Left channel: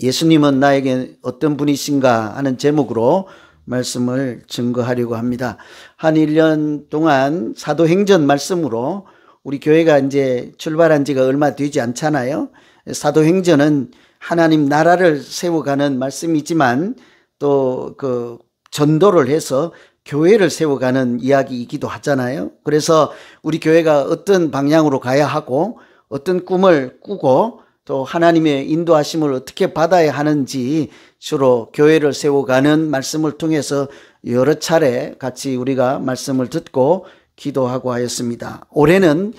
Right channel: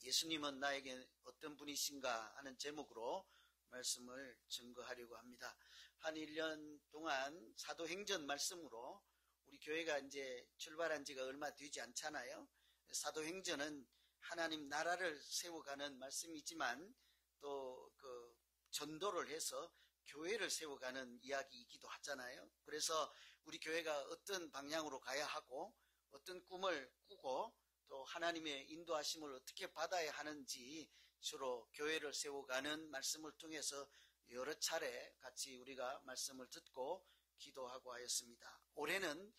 예수님은 나에게 어떤 분이신가 하는 제목으로 말씀을 증거하려고 합니다. 한 1년 동안 사도행전 말씀으로 우리 교회가 이제 출발한 지가 얼마 되지 않잖아요. 사도행전은 하나님 나라를 세워가는 말씀이지만 또 그 전도를 해서 교회를 세워가는 이야기이기도 하잖아요. 그래서 우리 교회가 어떤 방향으로 가야 하고 어떤 꿈을 꾸고 또 하나님의 인도하심을 어떻게 받아야 하는지 주로 교회를 세워가는 말씀을 통해서 여러 차례 같이 우리가 말씀을 듣고 기도하고 하였습니다. 올해는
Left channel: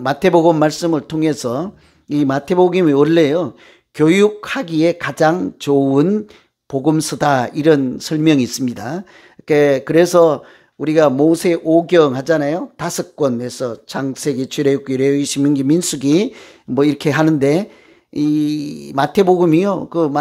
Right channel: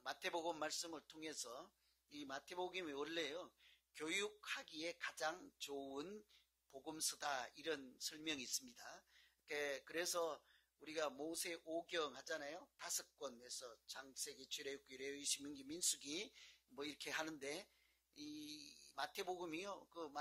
마태복음 말씀을 통해서 이 마태복음이 원래요 교육하기에 가장 좋은 복음서다 이런 설명이 있습니다. 그래서 우리가 모세오경 하잖아요. 5권에서 창세기, 출애굽기, 레위기, 신명기, 민수기 뭐 이렇게 하는데 이 마태복음이요 그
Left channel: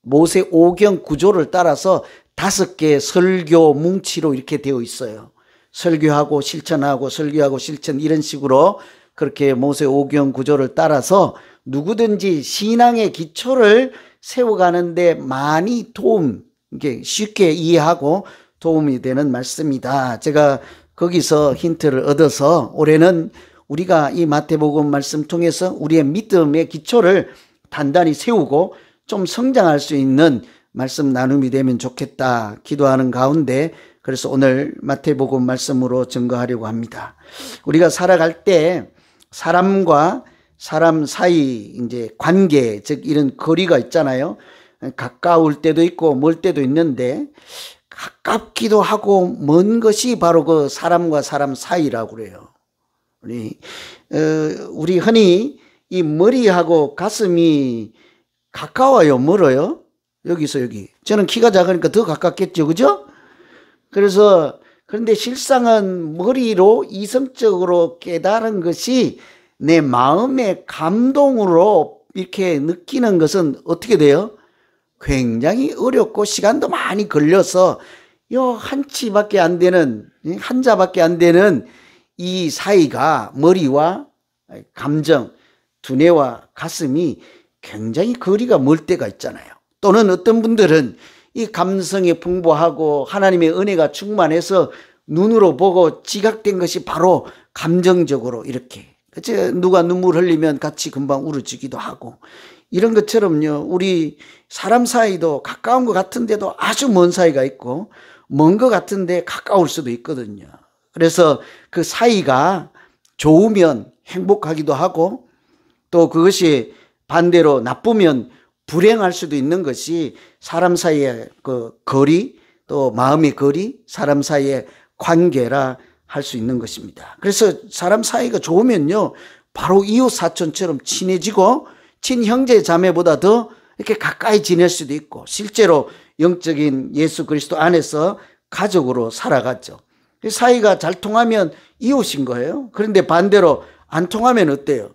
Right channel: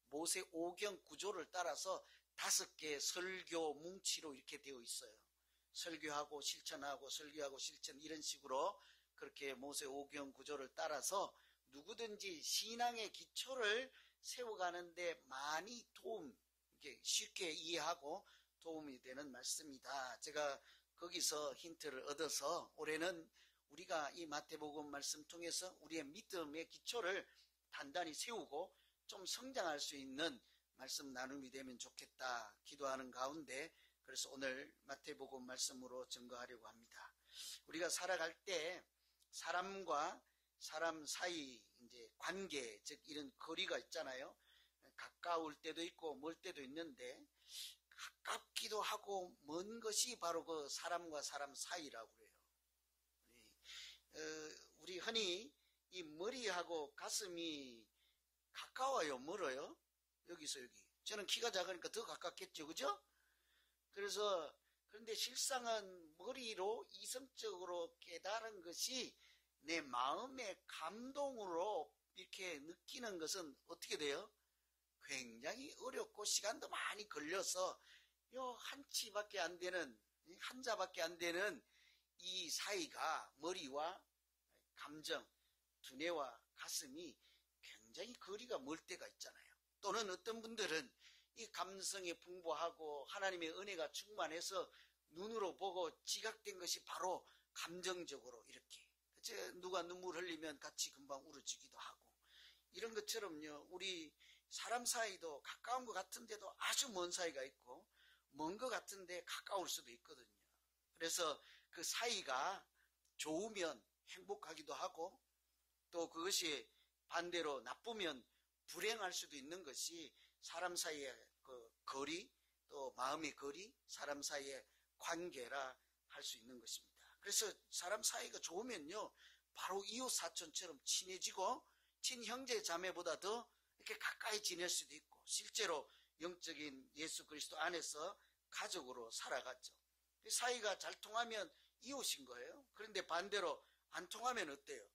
모세오경 구조를 따라서 5개의 설교 뭉치로 이렇게 되어 있어요. 설교하고 실천하고 설교하고 실천 이런 식으로 그렇게 모세오경 구조를 따라서 누구든지 신앙의 기초를 세워가는데 많이 이게 쉽게 이해하고 도움이 되는 말씀이다. 제가 거기서 힌트를 얻어서 올해는 우리가 이 마태복음 말씀 통해서 우리의 믿음의 기초를 단단히 세우고 좀 성장할 수 있는 말씀 나눔이 되면 좋겠다 기도하는 가운데 그래서 오늘 마태복음 말씀으로 증거하려고 합니다. 우리가 살아갈 때 사람과 사람 사이 이제 관계 즉 이런 거리가 있잖아요. 가까울 때도 있고 멀 때도 있는데 가깝기도 하고 먼 것이 바로 그 사람과 사람 사이라고 그래요. 우리 흔히 이 머리하고 가슴이 가까워요, 멀어요? 여기서 여기. 저는 키가 작으니까 더 가깝겠죠, 그죠? 그런데 실상은 머리로 이성적으로 깨달은 것이 내 마음의 감동으로 이렇게 느끼는 것은 어떻게 돼요? 굉장히 어렵고 시간도 많이 걸려서 한 치밖에 안 되는 한자밖에 안 되는 이 사이가 머리와 감정, 두뇌와 가슴이 굉장히 거리가 멀 때가 있잖아요. 또는 어떤 분들은 이 감성이 풍부하고 하나님의 은혜가 충만해서 눈으로 보고 지각된 것이 바로 감정적으로 이렇게 누가 눈물 흘리면 같이 금방 울어지기도 하고 이런 것처럼요 우리 사람 사이도 가까운 것 같은데도 아주 먼 사이가 있고 먼 것 같은데 가까울 수도 있거든요. 그래서 그 사이가 좋으면 행복하기도 하고 또 그것이 반대로 나쁘면 불행할 수도 있는 것이 사람 사이의 그 거리 또 마음의 거리 사람 사이의 관계라 할 수 있는 것입니다. 그래서 사람 사이가 좋으면요 바로 이웃 사촌처럼 친해지고 친형제 자매보다 더 이렇게 가까이 지낼 수도 있고 실제로 영적인 예수 그리스도 안에서 가족으로 살아갔죠. 사이가 잘 통하면 이웃인 거예요. 그런데 반대로 안 통하면 어때요?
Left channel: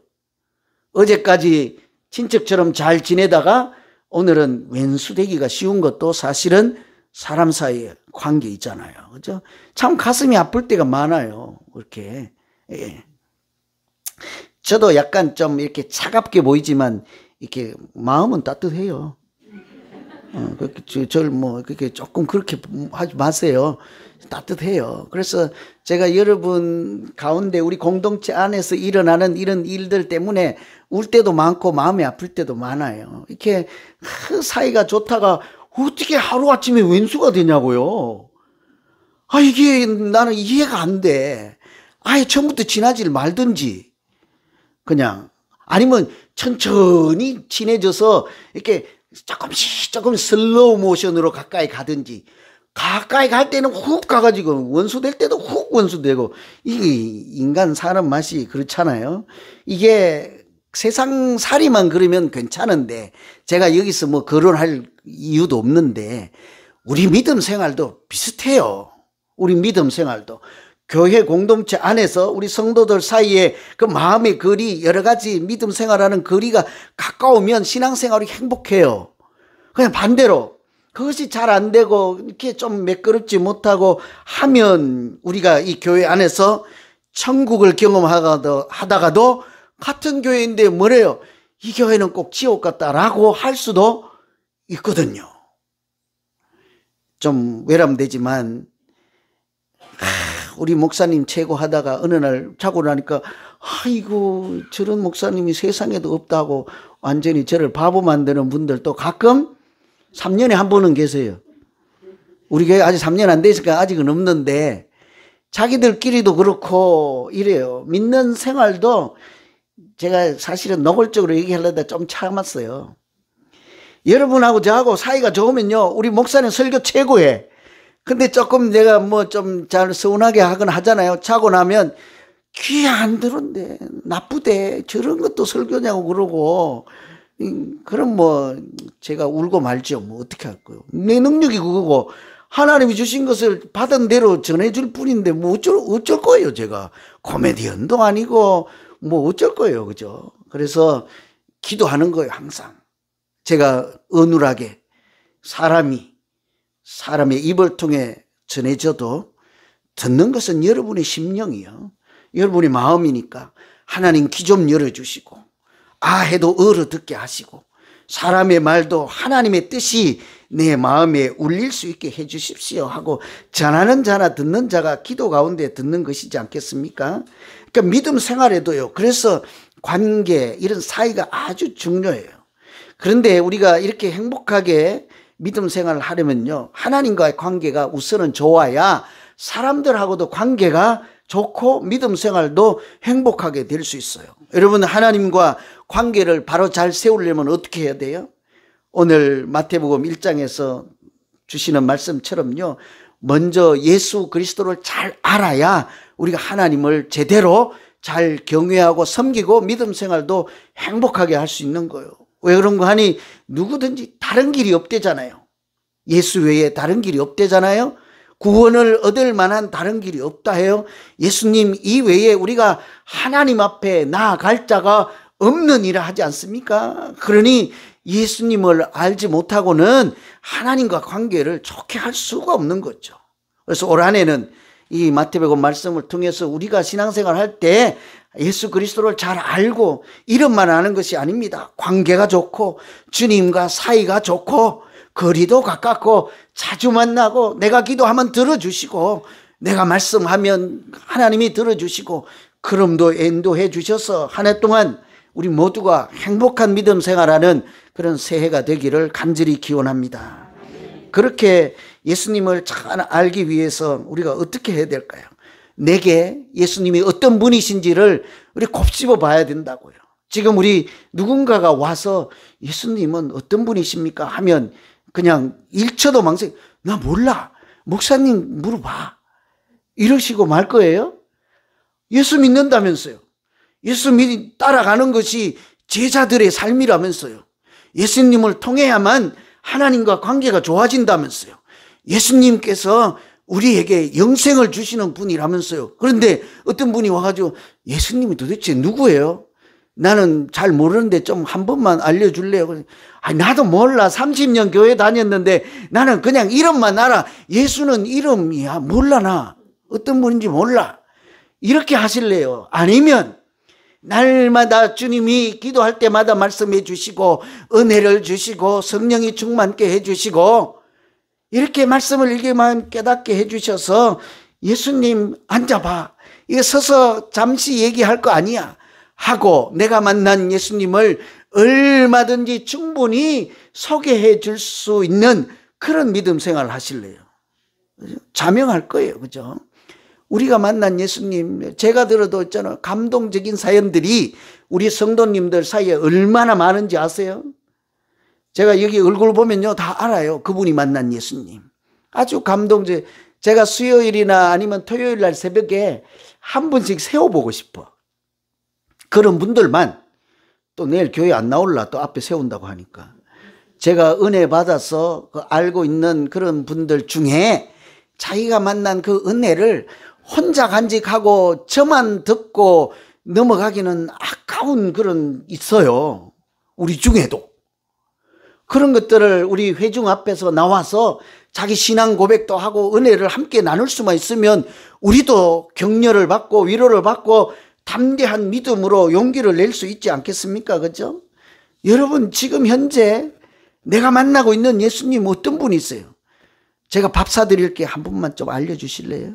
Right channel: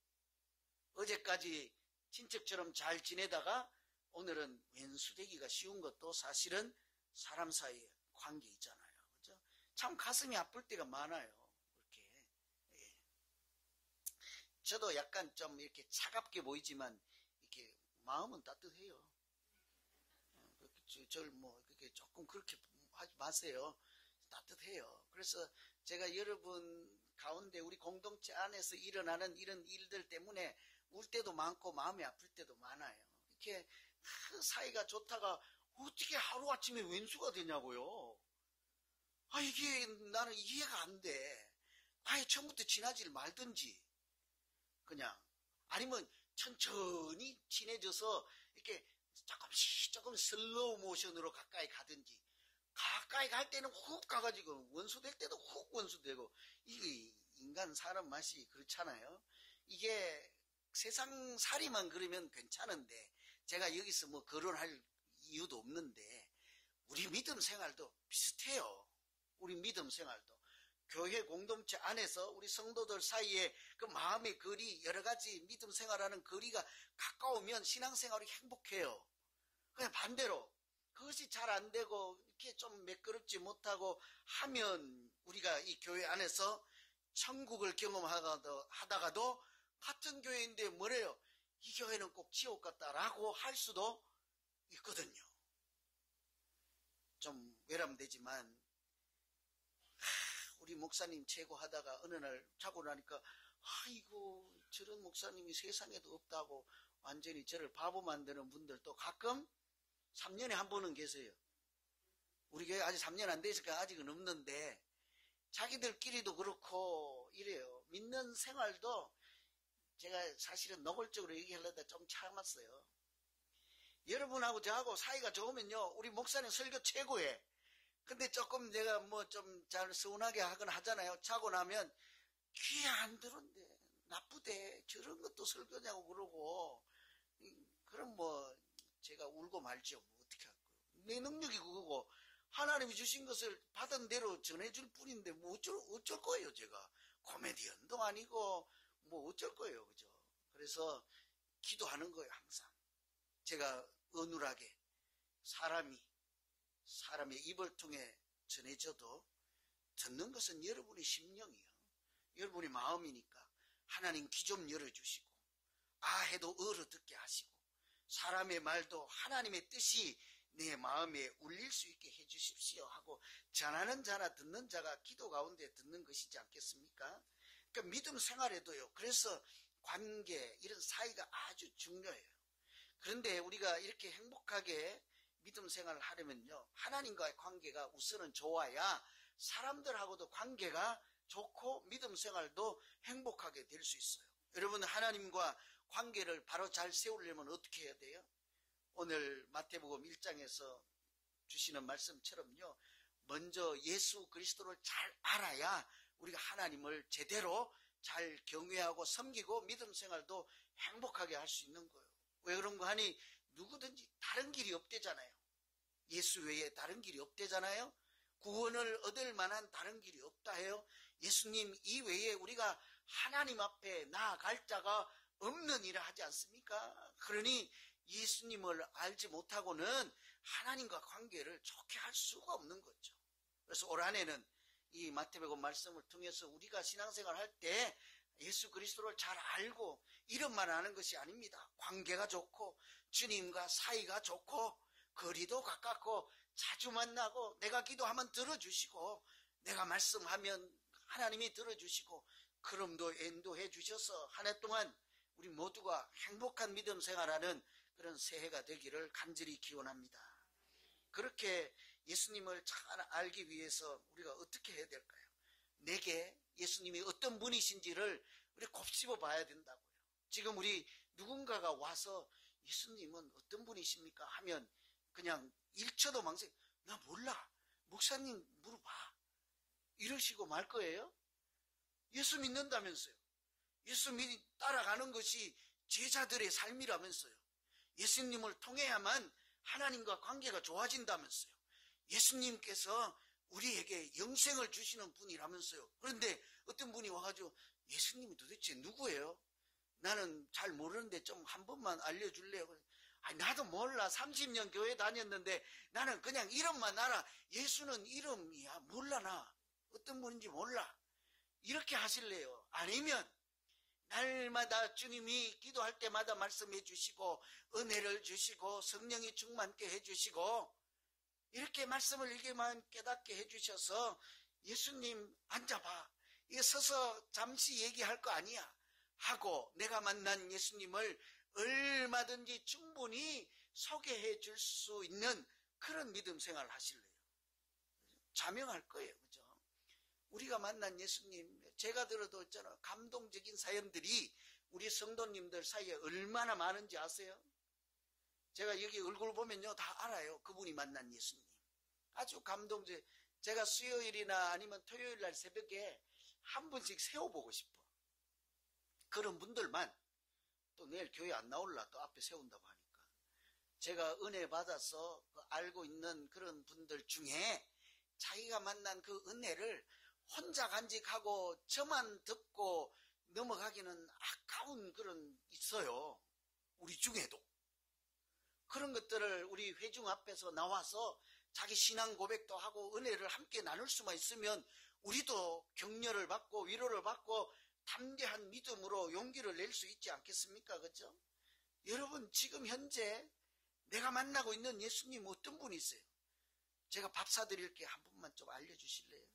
어제까지 친척처럼 잘 지내다가 오늘은 왼수되기가 쉬운 것도 사실은 사람 사이의 관계 있잖아요. 그죠? 참 가슴이 아플 때가 많아요. 이렇게. 예. 저도 약간 좀 이렇게 차갑게 보이지만 이렇게 마음은 따뜻해요. 저를 뭐 그렇게 조금 그렇게 하지 마세요. 따뜻해요. 그래서 제가 여러분 가운데 우리 공동체 안에서 일어나는 이런 일들 때문에 울 때도 많고 마음이 아플 때도 많아요. 이렇게 사이가 좋다가 어떻게 하루아침에 왼수가 되냐고요. 이게 나는 이해가 안 돼. 아예 처음부터 친하지를 말든지 그냥 아니면 천천히 친해져서 이렇게 조금 슬로우 모션으로 가까이 가든지 가까이 갈 때는 훅 가가지고 원수 될 때도 훅 원수 되고 이게 인간 사람 맛이 그렇잖아요. 이게 세상 살이만 그러면 괜찮은데 제가 여기서 뭐 거론할 이유도 없는데 우리 믿음 생활도 비슷해요. 우리 믿음 생활도 교회 공동체 안에서 우리 성도들 사이에 그 마음의 거리 여러 가지 믿음 생활하는 거리가 가까우면 신앙생활이 행복해요. 그냥 반대로 그것이 잘 안 되고 이렇게 좀 매끄럽지 못하고 하면 우리가 이 교회 안에서 천국을 경험하다가도 같은 교회인데 뭐래요? 이 교회는 꼭 지옥 같다라고 할 수도 있거든요. 좀 외람되지만 우리 목사님 최고 하다가 어느 날 자고 나니까 아이고 저런 목사님이 세상에도 없다고 완전히 저를 바보 만드는 분들도 가끔 3년에 한 번은 계세요. 우리 교회 아직 3년 안 됐으니까 아직은 없는데 자기들끼리도 그렇고 이래요. 믿는 생활도 제가 사실은 노골적으로 얘기하려다 좀 참았어요. 여러분하고 저하고 사이가 좋으면요 우리 목사님 설교 최고해. 근데 조금 내가 뭐 좀 잘 서운하게 하거나 하잖아요. 자고 나면 귀에 안 들었는데 나쁘대 저런 것도 설교냐고 그러고 그럼 뭐 제가 울고 말죠. 뭐 어떻게 할 거예요. 내 능력이 그거고 하나님이 주신 것을 받은 대로 전해줄 뿐인데 뭐 어쩔 거예요. 제가 코미디언도 아니고 뭐 어쩔 거예요. 그죠? 그래서 기도하는 거예요. 항상 제가 어눌하게 사람의 입을 통해 전해져도 듣는 것은 여러분의 심령이요. 여러분의 마음이니까 하나님 귀 좀 열어주시고 아 해도 알아듣게 하시고 사람의 말도 하나님의 뜻이 내 마음에 울릴 수 있게 해 주십시오 하고 전하는 자나 듣는 자가 기도 가운데 듣는 것이지 않겠습니까? 그러니까 믿음 생활에도요. 그래서 관계 이런 사이가 아주 중요해요. 그런데 우리가 이렇게 행복하게 믿음 생활을 하려면요. 하나님과의 관계가 우선은 좋아야 사람들하고도 관계가 좋고 믿음 생활도 행복하게 될 수 있어요. 여러분 하나님과 관계를 바로 잘 세우려면 어떻게 해야 돼요? 오늘 마태복음 1장에서 주시는 말씀처럼요. 먼저 예수 그리스도를 잘 알아야 우리가 하나님을 제대로 잘 경외하고 섬기고 믿음 생활도 행복하게 할 수 있는 거예요. 왜 그런 거 하니 누구든지 다른 길이 없대잖아요. 예수 외에 다른 길이 없대잖아요. 구원을 얻을 만한 다른 길이 없다 해요. 예수님 이외에 우리가 하나님 앞에 나아갈 자가 없느니라 하지 않습니까? 그러니 예수님을 알지 못하고는 하나님과 관계를 좋게 할 수가 없는 거죠. 그래서 올 한해는 이 마태복음 말씀을 통해서 우리가 신앙생활 할 때 예수 그리스도를 잘 알고 이름만 아는 것이 아닙니다. 관계가 좋고 주님과 사이가 좋고 거리도 가깝고 자주 만나고 내가 기도하면 들어주시고 내가 말씀하면 하나님이 들어주시고 그럼도 인도해 주셔서 한 해 동안 우리 모두가 행복한 믿음 생활하는 그런 새해가 되기를 간절히 기원합니다. 그렇게 예수님을 잘 알기 위해서 우리가 어떻게 해야 될까요? 내게 예수님이 어떤 분이신지를 우리 곱씹어 봐야 된다고요. 지금 우리 누군가가 와서 예수님은 어떤 분이십니까? 하면 그냥 1초도 망설이 나 몰라. 목사님 물어봐. 이러시고 말 거예요? 예수 믿는다면서요. 예수 따라가는 것이 제자들의 삶이라면서요. 예수님을 통해야만 하나님과 관계가 좋아진다면서요. 예수님께서 우리에게 영생을 주시는 분이라면서요. 그런데 어떤 분이 와가지고 예수님이 도대체 누구예요? 나는 잘 모르는데 좀 한 번만 알려줄래요? 아니, 나도 몰라. 30년 교회 다녔는데 나는 그냥 이름만 알아. 예수는 이름이야. 몰라 나. 어떤 분인지 몰라. 이렇게 하실래요? 아니면 날마다 주님이 기도할 때마다 말씀해 주시고 은혜를 주시고 성령이 충만케 해 주시고 이렇게 말씀을 읽기만 깨닫게 해 주셔서 예수님 앉아봐. 이거 서서 잠시 얘기할 거 아니야. 하고 내가 만난 예수님을 얼마든지 충분히 소개해 줄 수 있는 그런 믿음 생활을 하실래요? 자명할 거예요. 그죠? 우리가 만난 예수님, 제가 들어도 있잖아요. 감동적인 사연들이 우리 성도님들 사이에 얼마나 많은지 아세요? 제가 여기 얼굴 보면요. 다 알아요. 그분이 만난 예수님. 아주 감동적. 제가 수요일이나 아니면 토요일 날 새벽에 한 분씩 세워보고 싶어. 그런 분들만 또 내일 교회 안 나올라 또 앞에 세운다고 하니까. 제가 은혜 받아서 알고 있는 그런 분들 중에 자기가 만난 그 은혜를 혼자 간직하고 저만 듣고 넘어가기는 아까운 그런 있어요. 우리 중에도. 그런 것들을 우리 회중 앞에서 나와서 자기 신앙 고백도 하고 은혜를 함께 나눌 수만 있으면 우리도 격려를 받고 위로를 받고 담대한 믿음으로 용기를 낼 수 있지 않겠습니까? 그죠? 여러분 지금 현재 내가 만나고 있는 예수님 어떤 분이세요? 제가 밥 사드릴게 한 분만 좀 알려주실래요?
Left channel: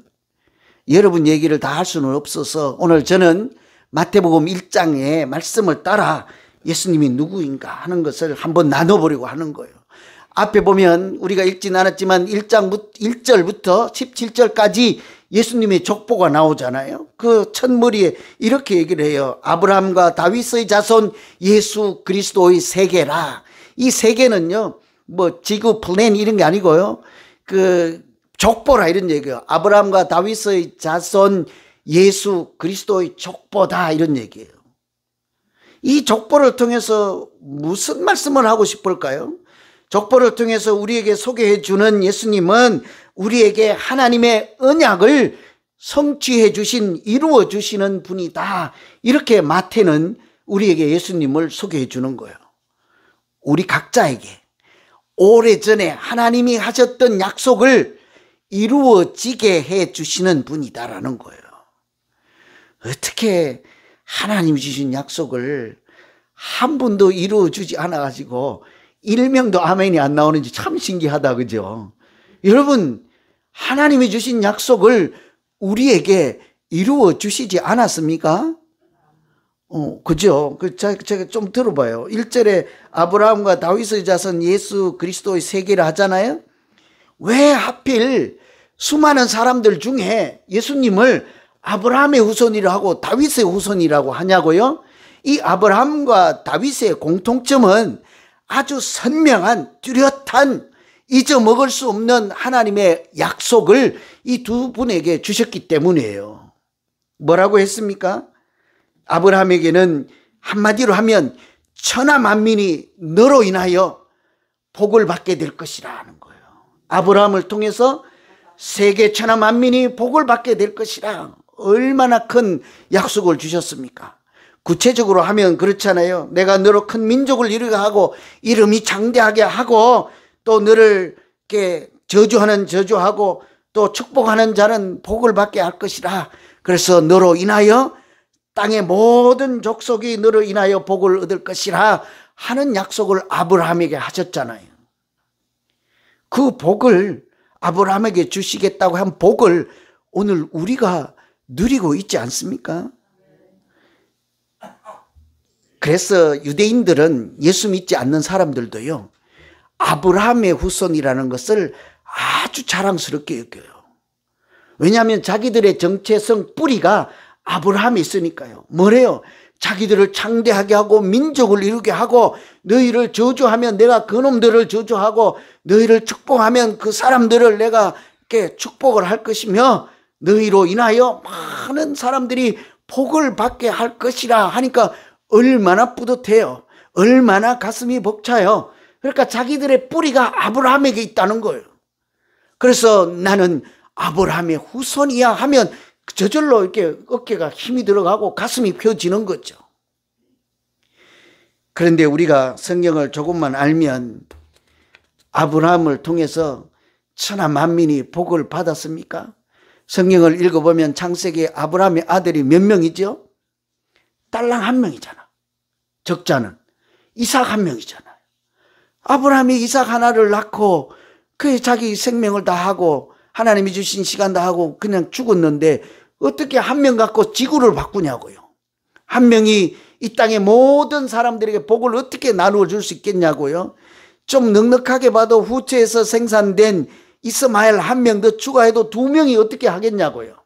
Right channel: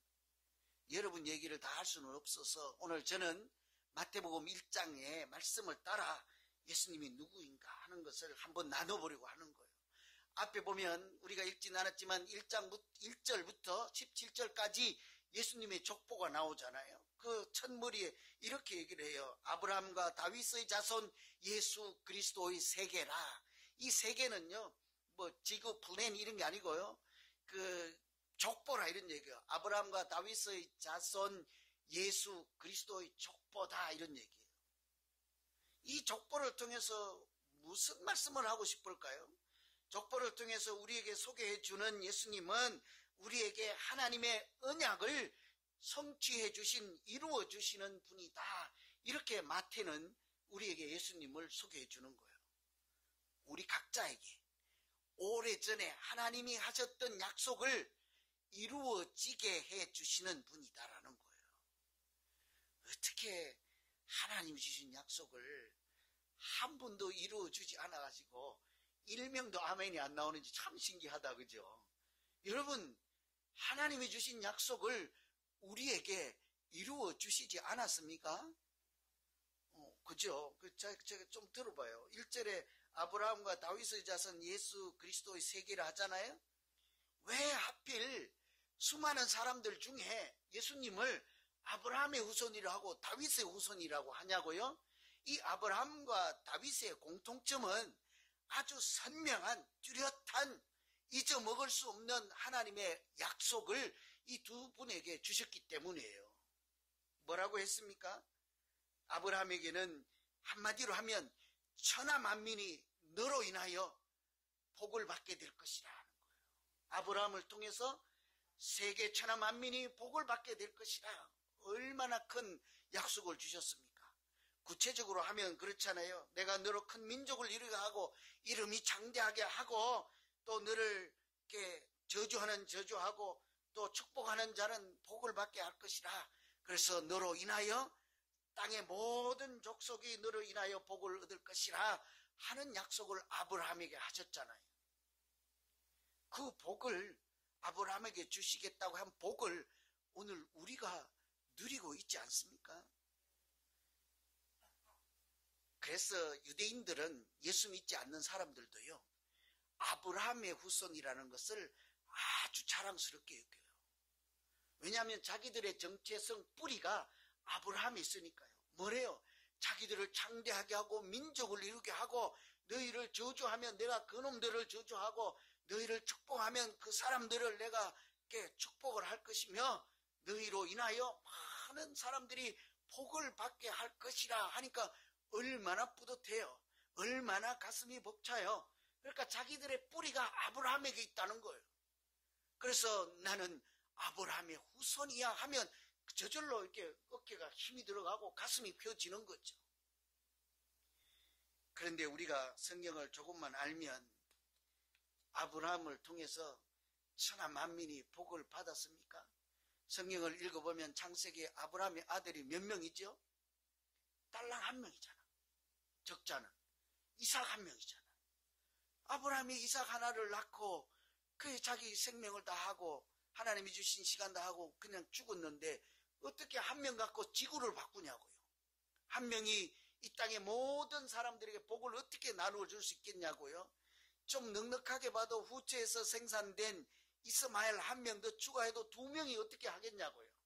여러분 얘기를 다 할 수는 없어서 오늘 저는 마태복음 1장의 말씀을 따라 예수님이 누구인가 하는 것을 한번 나눠보려고 하는 거예요. 앞에 보면 우리가 읽진 않았지만 1절부터 17절까지 예수님의 족보가 나오잖아요. 그 첫머리에 이렇게 얘기를 해요. 아브라함과 다윗의 자손 예수 그리스도의 세계라. 이 세계는요, 뭐 지구 플랜 이런 게 아니고요. 그 족보라 이런 얘기예요. 아브라함과 다윗의 자손 예수 그리스도의 족보다 이런 얘기예요. 이 족보를 통해서 무슨 말씀을 하고 싶을까요? 족보를 통해서 우리에게 소개해 주는 예수님은 우리에게 하나님의 언약을 성취해 주신, 이루어 주시는 분이다. 이렇게 마태는 우리에게 예수님을 소개해 주는 거예요. 우리 각자에게 오래전에 하나님이 하셨던 약속을 이루어지게 해 주시는 분이다라는 거예요. 어떻게 하나님이 주신 약속을 한 번도 이루어 주지 않아 가지고 일명도 아멘이 안 나오는지 참 신기하다, 그죠? 여러분, 하나님이 주신 약속을 우리에게 이루어 주시지 않았습니까? 그죠? 제가 좀 들어봐요. 1절에 아브라함과 다윗의 자손 예수 그리스도의 세계를 하잖아요. 왜 하필 수많은 사람들 중에 예수님을 아브라함의 후손이라고 하고 다윗의 후손이라고 하냐고요? 이 아브라함과 다윗의 공통점은 아주 선명한 뚜렷한 잊어먹을 수 없는 하나님의 약속을 이 두 분에게 주셨기 때문이에요. 뭐라고 했습니까? 아브라함에게는 한마디로 하면 천하 만민이 너로 인하여 복을 받게 될 것이라 하는 거예요. 아브라함을 통해서 세계 천하 만민이 복을 받게 될 것이라. 얼마나 큰 약속을 주셨습니까? 구체적으로 하면 그렇잖아요. 내가 너로 큰 민족을 이루게 하고 이름이 장대하게 하고 또 너를 이렇게 저주하는 저주하고 또 축복하는 자는 복을 받게 할 것이라. 그래서 너로 인하여 땅의 모든 족속이 너로 인하여 복을 얻을 것이라 하는 약속을 아브라함에게 하셨잖아요. 그 복을 아브라함에게 주시겠다고 한 복을 오늘 우리가 누리고 있지 않습니까? 그래서 유대인들은 예수 믿지 않는 사람들도요, 아브라함의 후손이라는 것을 아주 자랑스럽게 여겨요. 왜냐하면 자기들의 정체성 뿌리가 아브라함에 있으니까요. 뭐래요? 자기들을 창대하게 하고 민족을 이루게 하고 너희를 저주하면 내가 그놈들을 저주하고 너희를 축복하면 그 사람들을 내가 이렇게 축복을 할 것이며 너희로 인하여 많은 사람들이 복을 받게 할 것이라 하니까 얼마나 뿌듯해요. 얼마나 가슴이 벅차요. 그러니까 자기들의 뿌리가 아브라함에게 있다는 거예요. 그래서 나는 아브라함의 후손이야 하면 저절로 이렇게 어깨가 힘이 들어가고 가슴이 펴지는 거죠. 그런데 우리가 성경을 조금만 알면 아브라함을 통해서 천하 만민이 복을 받았습니까? 성경을 읽어보면 창세기에 아브라함의 아들이 몇 명이죠? 딸랑 한 명이잖아. 적자는 이삭 한 명이잖아요. 아브라함이 이삭 하나를 낳고 그 자기 생명을 다 하고 하나님이 주신 시간 다 하고 그냥 죽었는데 어떻게 한 명 갖고 지구를 바꾸냐고요. 한 명이 이 땅의 모든 사람들에게 복을 어떻게 나누어 줄 수 있겠냐고요. 좀 넉넉하게 봐도 후처에서 생산된 이스마엘 한 명 더 추가해도 두 명이 어떻게 하겠냐고요.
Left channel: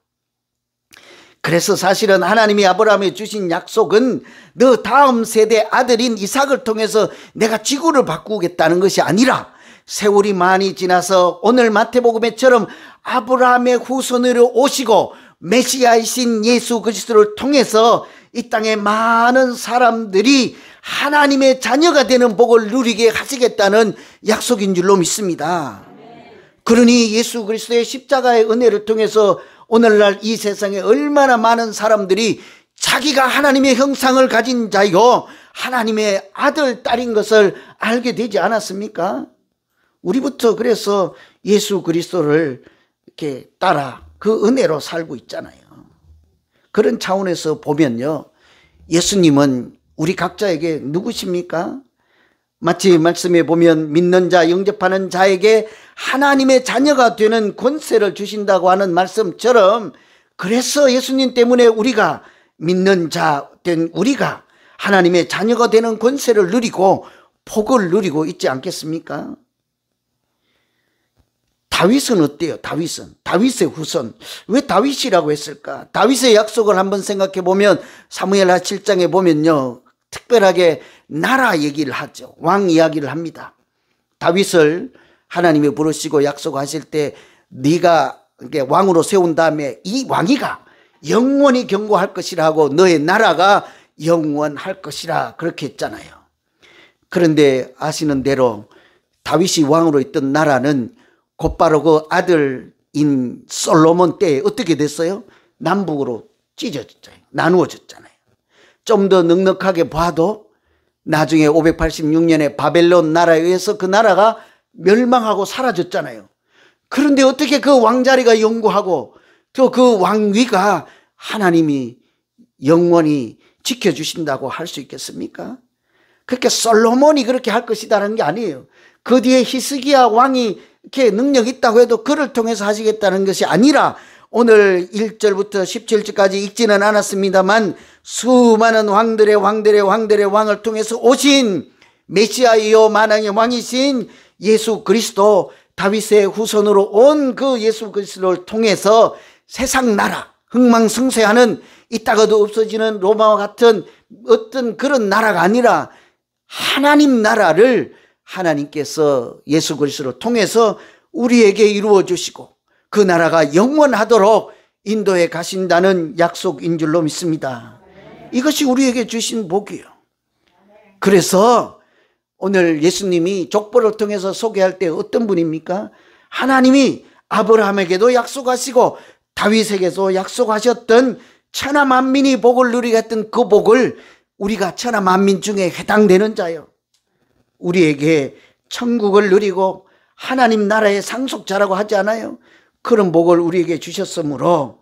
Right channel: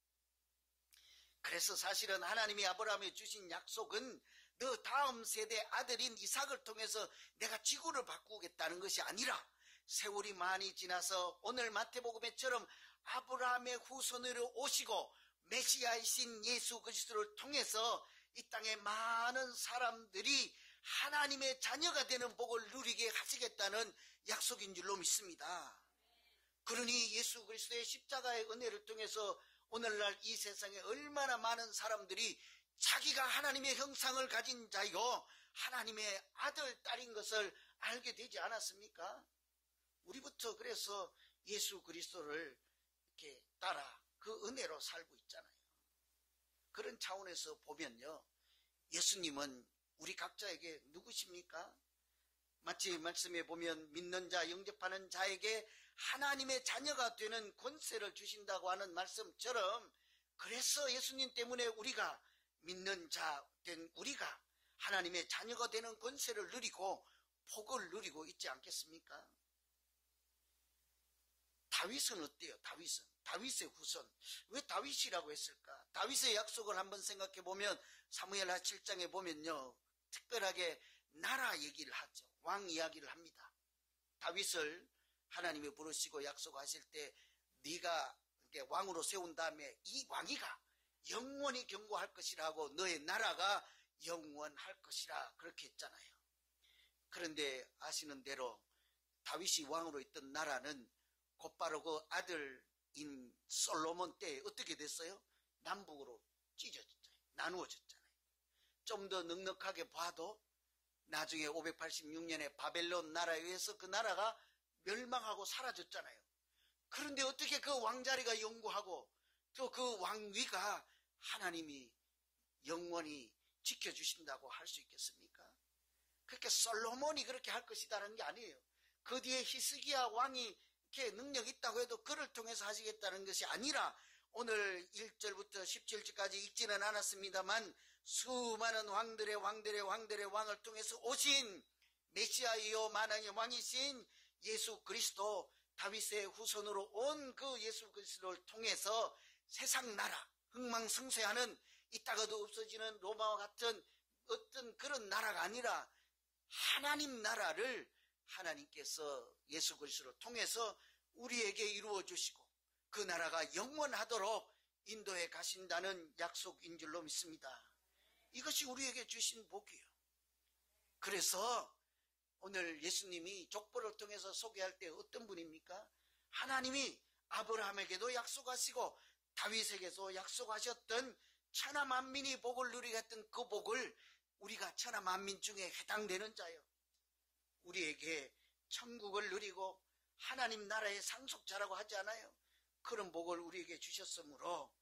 그래서 사실은 하나님이 아브라함에 주신 약속은 너 다음 세대 아들인 이삭을 통해서 내가 지구를 바꾸겠다는 것이 아니라 세월이 많이 지나서 오늘 마태복음에처럼 아브라함의 후손으로 오시고 메시아이신 예수 그리스도를 통해서 이 땅에 많은 사람들이 하나님의 자녀가 되는 복을 누리게 하시겠다는 약속인 줄로 믿습니다. 그러니 예수 그리스도의 십자가의 은혜를 통해서 오늘날 이 세상에 얼마나 많은 사람들이 자기가 하나님의 형상을 가진 자이고 하나님의 아들, 딸인 것을 알게 되지 않았습니까? 우리부터 그래서 예수 그리스도를 이렇게 따라 그 은혜로 살고 있잖아요. 그런 차원에서 보면요, 예수님은 우리 각자에게 누구십니까? 마치 말씀에 보면 믿는 자, 영접하는 자에게 하나님의 자녀가 되는 권세를 주신다고 하는 말씀처럼, 그래서 예수님 때문에 우리가 믿는 자 된 우리가 하나님의 자녀가 되는 권세를 누리고 복을 누리고 있지 않겠습니까? 다윗은 어때요? 다윗의 후손. 왜 다윗이라고 했을까? 다윗의 약속을 한번 생각해 보면 사무엘하 7장에 보면요, 특별하게 나라 얘기를 하죠. 왕 이야기를 합니다. 다윗을 하나님이 부르시고 약속하실 때 네가 왕으로 세운 다음에 이 왕위가 영원히 경고할 것이라 하고 너의 나라가 영원할 것이라 그렇게 했잖아요. 그런데 아시는 대로 다윗이 왕으로 있던 나라는 곧바로 그 아들인 솔로몬 때에 어떻게 됐어요? 남북으로 찢어졌잖아요. 나누어졌잖아요. 좀 더 넉넉하게 봐도 나중에 586년에 바벨론 나라에 의해서 그 나라가 멸망하고 사라졌잖아요. 그런데 어떻게 그 왕자리가 영구하고 또 그 왕위가 하나님이 영원히 지켜주신다고 할 수 있겠습니까? 그렇게 솔로몬이 그렇게 할 것이다라는 게 아니에요. 그 뒤에 히스기야 왕이 이렇게 능력이 있다고 해도 그를 통해서 하시겠다는 것이 아니라, 오늘 1절부터 17절까지 읽지는 않았습니다만 수많은 왕들의 왕을 통해서 오신 메시아이요 만왕의 왕이신 예수 그리스도, 다윗의 후손으로 온 그 예수 그리스도를 통해서 세상 나라, 흥망성쇠하는 있다가도 없어지는 로마와 같은 어떤 그런 나라가 아니라 하나님 나라를 하나님께서 예수 그리스도를 통해서 우리에게 이루어 주시고 그 나라가 영원하도록 인도해 가신다는 약속인 줄로 믿습니다. 이것이 우리에게 주신 복이에요. 그래서 오늘 예수님이 족보를 통해서 소개할 때 어떤 분입니까? 하나님이 아브라함에게도 약속하시고 다윗에게도 약속하셨던 천하 만민이 복을 누리게 했던 그 복을 우리가 천하 만민 중에 해당되는 자요, 우리에게 천국을 누리고 하나님 나라의 상속자라고 하지 않아요? 그런 복을 우리에게 주셨으므로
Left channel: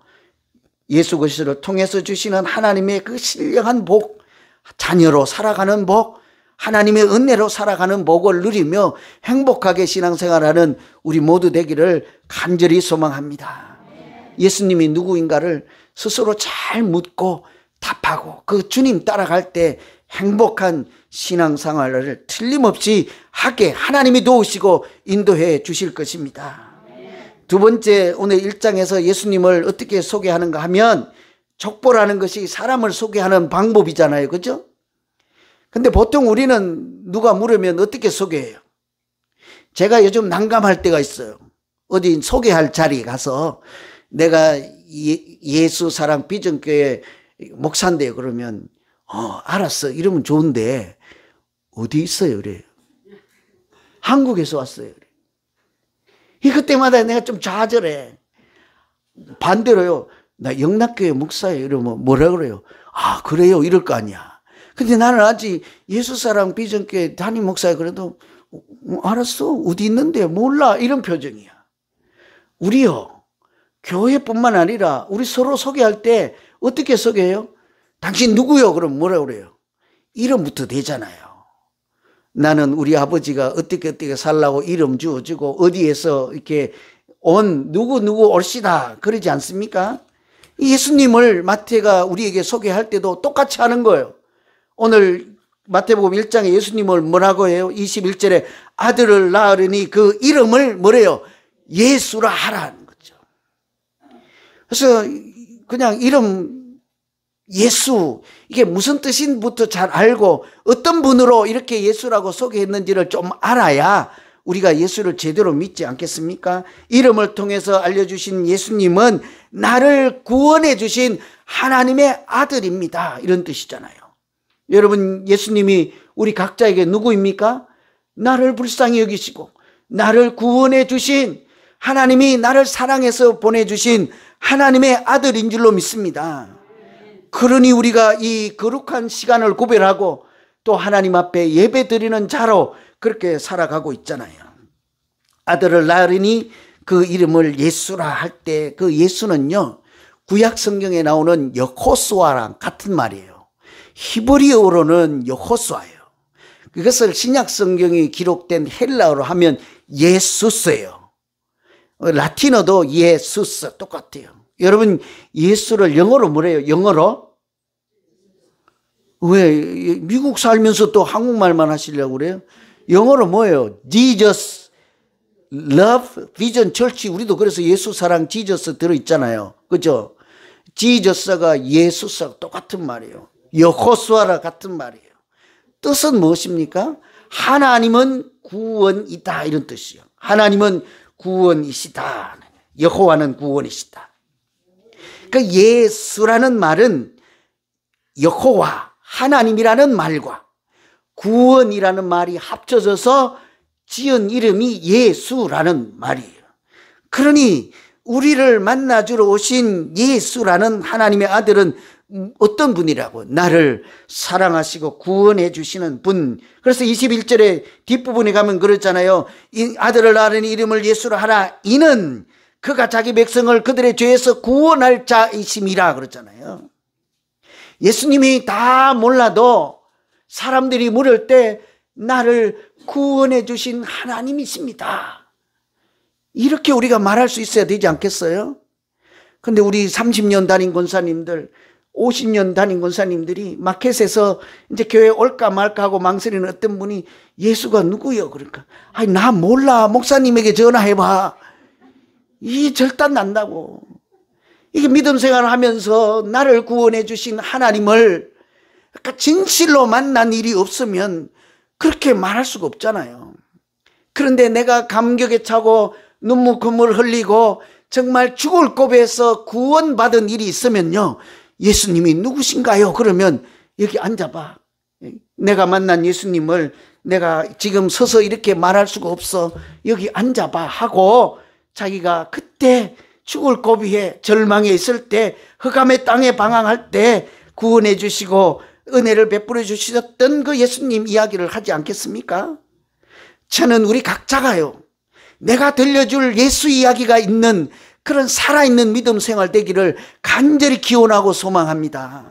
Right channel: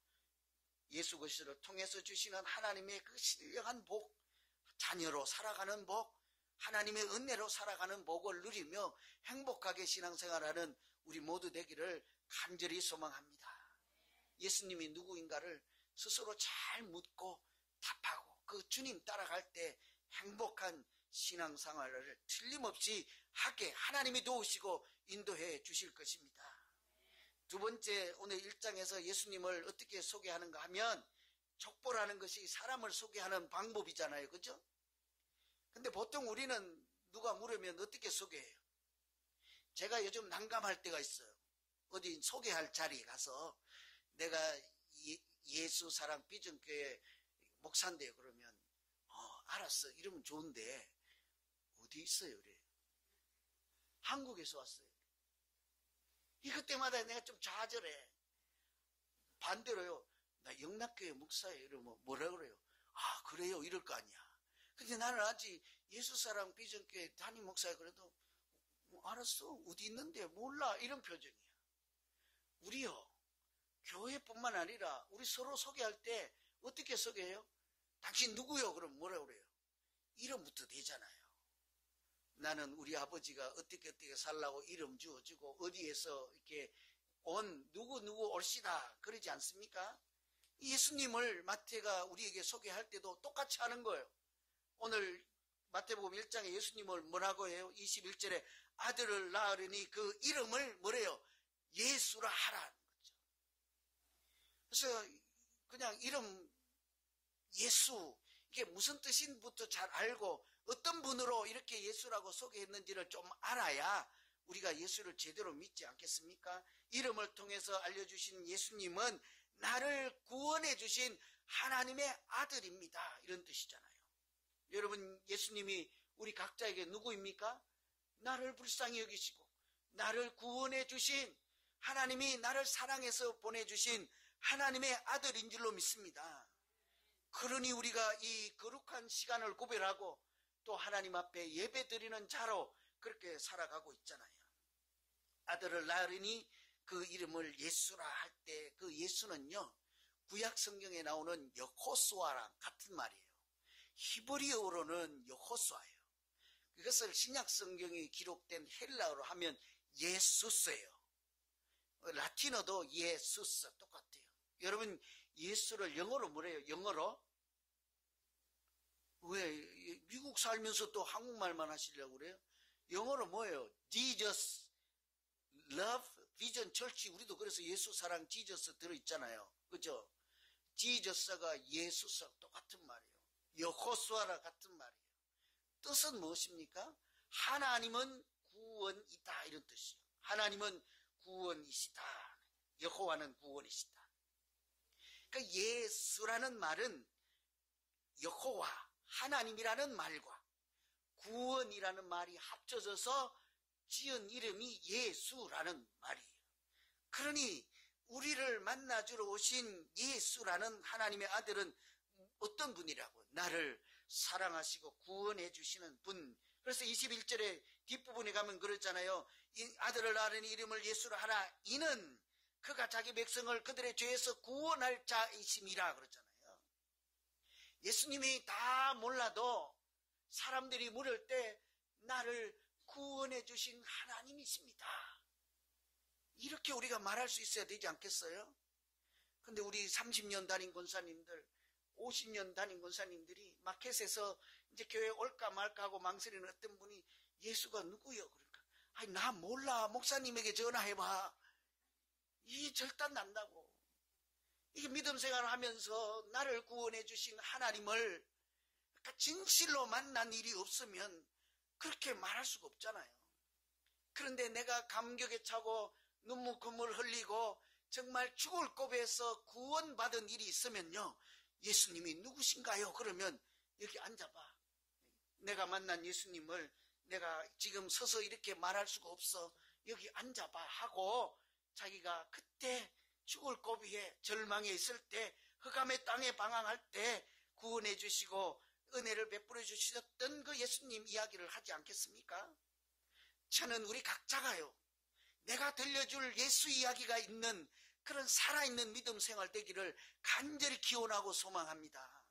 예수 그리스도를 통해서 주시는 하나님의 그 신령한 복, 자녀로 살아가는 복, 하나님의 은혜로 살아가는 복을 누리며 행복하게 신앙생활하는 우리 모두 되기를 간절히 소망합니다. 예수님이 누구인가를 스스로 잘 묻고 답하고 그 주님 따라갈 때 행복한 신앙생활을 틀림없이 하게 하나님이 도우시고 인도해 주실 것입니다. 두 번째, 오늘 1장에서 예수님을 어떻게 소개하는가 하면, 족보라는 것이 사람을 소개하는 방법이잖아요. 그죠? 근데 보통 우리는 누가 물으면 어떻게 소개해요? 제가 요즘 난감할 때가 있어요. 어디 소개할 자리에 가서 내가 예수 사랑 비전교회 목사인데요. 그러면 알았어. 이러면 좋은데 어디 있어요? 그래요. 한국에서 왔어요. 그때마다 내가 좀 좌절해. 반대로요. 나 영락교회 목사예요. 이러면 뭐라 그래요? 아, 그래요? 이럴 거 아니야. 근데 나는 아직 예수사랑 비전교회 담임 목사야. 그래도 알았어. 어디 있는데? 몰라. 이런 표정이야. 우리요, 교회뿐만 아니라 우리 서로 소개할 때 어떻게 소개해요? 당신 누구요? 그럼 뭐라 그래요? 이름부터 되잖아요. 나는 우리 아버지가 어떻게 살라고 이름 주어주고 어디에서 이렇게 온 누구 올시다 그러지 않습니까? 예수님을 마태가 우리에게 소개할 때도 똑같이 하는 거예요. 오늘 마태복음 1장에 예수님을 뭐라고 해요? 21절에 아들을 낳으려니 그 이름을 뭐래요? 예수라 하라는 거죠. 그래서 그냥 이름 예수, 이게 무슨 뜻인부터 잘 알고 어떤 분으로 이렇게 예수라고 소개했는지를 좀 알아야 우리가 예수를 제대로 믿지 않겠습니까? 이름을 통해서 알려주신 예수님은 나를 구원해 주신 하나님의 아들입니다. 이런 뜻이잖아요. 여러분, 예수님이 우리 각자에게 누구입니까? 나를 불쌍히 여기시고 나를 구원해 주신, 하나님이 나를 사랑해서 보내주신 하나님의 아들인 줄로 믿습니다. 그러니 우리가 이 거룩한 시간을 구별하고 또 하나님 앞에 예배 드리는 자로 그렇게 살아가고 있잖아요. 아들을 낳으리니 그 이름을 예수라 할 때 그 예수는요, 구약 성경에 나오는 여호수아랑 같은 말이에요. 히브리어로는 여호수아예요. 그것을 신약 성경이 기록된 헬라어로 하면 예수스예요. 라틴어도 예수스 똑같아요. 여러분 예수를 영어로 뭐래요? 영어로? 왜 미국 살면서 또 한국말만 하시려고 그래요? 영어로 뭐예요? Jesus Love Vision Church. 우리도 그래서 예수 사랑 지저스 들어있잖아요. 그죠? 지저스가 예수스와 똑같은 말이에요. 여호수아라 같은 말이에요. 뜻은 무엇입니까? 하나님은 구원이다 이런 뜻이요. 하나님은 구원이시다. 여호와는 구원이시다. 그 예수라는 말은 여호와 하나님이라는 말과 구원이라는 말이 합쳐져서 지은 이름이 예수라는 말이에요. 그러니 우리를 만나주러 오신 예수라는 하나님의 아들은 어떤 분이라고? 나를 사랑하시고 구원해 주시는 분. 그래서 21절에 뒷부분에 가면 그렇잖아요. 이 아들을 낳으니 이름을 예수라 하라. 이는 그가 자기 백성을 그들의 죄에서 구원할 자이심이라 그러잖아요. 예수님이 다 몰라도 사람들이 물을 때 나를 구원해 주신 하나님이십니다. 이렇게 우리가 말할 수 있어야 되지 않겠어요? 근데 우리 30년 다닌 권사님들, 50년 다닌 권사님들이 마켓에서 이제 교회 올까 말까 하고 망설이는 어떤 분이 예수가 누구요? 그러니까 아니 나 몰라. 목사님에게 전화해봐. 이 절단 난다고. 이게 믿음 생활을 하면서 나를 구원해 주신 하나님을 그러니까 진실로 만난 일이 없으면 그렇게 말할 수가 없잖아요. 그런데 내가 감격에 차고 눈물 콧물 흘리고 정말 죽을 고비에서 구원받은 일이 있으면요, 예수님이 누구신가요? 그러면 여기 앉아봐. 내가 만난 예수님을 내가 지금 서서 이렇게 말할 수가 없어. 여기 앉아봐 하고 자기가 그때 죽을 고비에 절망에 있을 때 흑암의 땅에 방황할 때 구원해 주시고 은혜를 베풀어 주셨던 그 예수님 이야기를 하지 않겠습니까? 저는 우리 각자가요, 내가 들려줄 예수 이야기가 있는 그런 살아있는 믿음 생활 되기를 간절히 기원하고 소망합니다.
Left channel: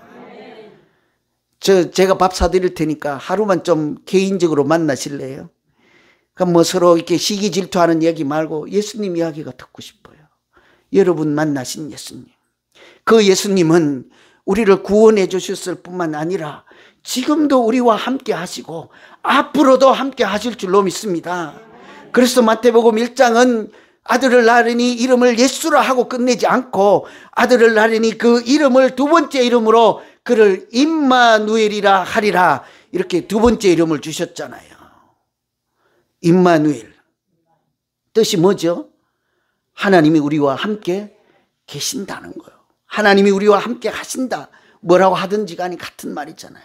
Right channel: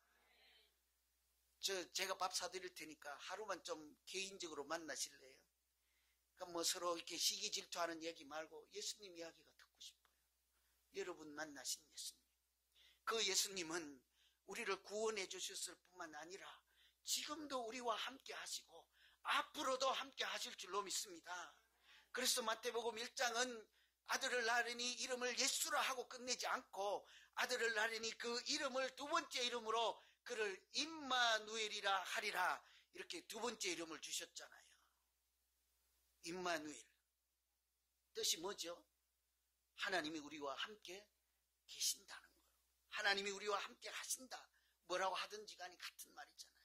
제가 밥 사드릴 테니까 하루만 좀 개인적으로 만나실래요? 그럼 뭐 서로 이렇게 시기 질투하는 얘기 말고 예수님 이야기가 듣고 싶어요. 여러분 만나신 예수님. 그 예수님은 우리를 구원해 주셨을 뿐만 아니라 지금도 우리와 함께 하시고 앞으로도 함께 하실 줄로 믿습니다. 그래서 마태복음 1장은 아들을 낳으니 이름을 예수라 하고 끝내지 않고 아들을 낳으니 그 이름을 두 번째 이름으로 그를 임마누엘이라 하리라, 이렇게 두 번째 이름을 주셨잖아요. 임마누엘 뜻이 뭐죠? 하나님이 우리와 함께 계신다는 거예요. 하나님이 우리와 함께 하신다. 뭐라고 하든지 간에 같은 말이잖아요.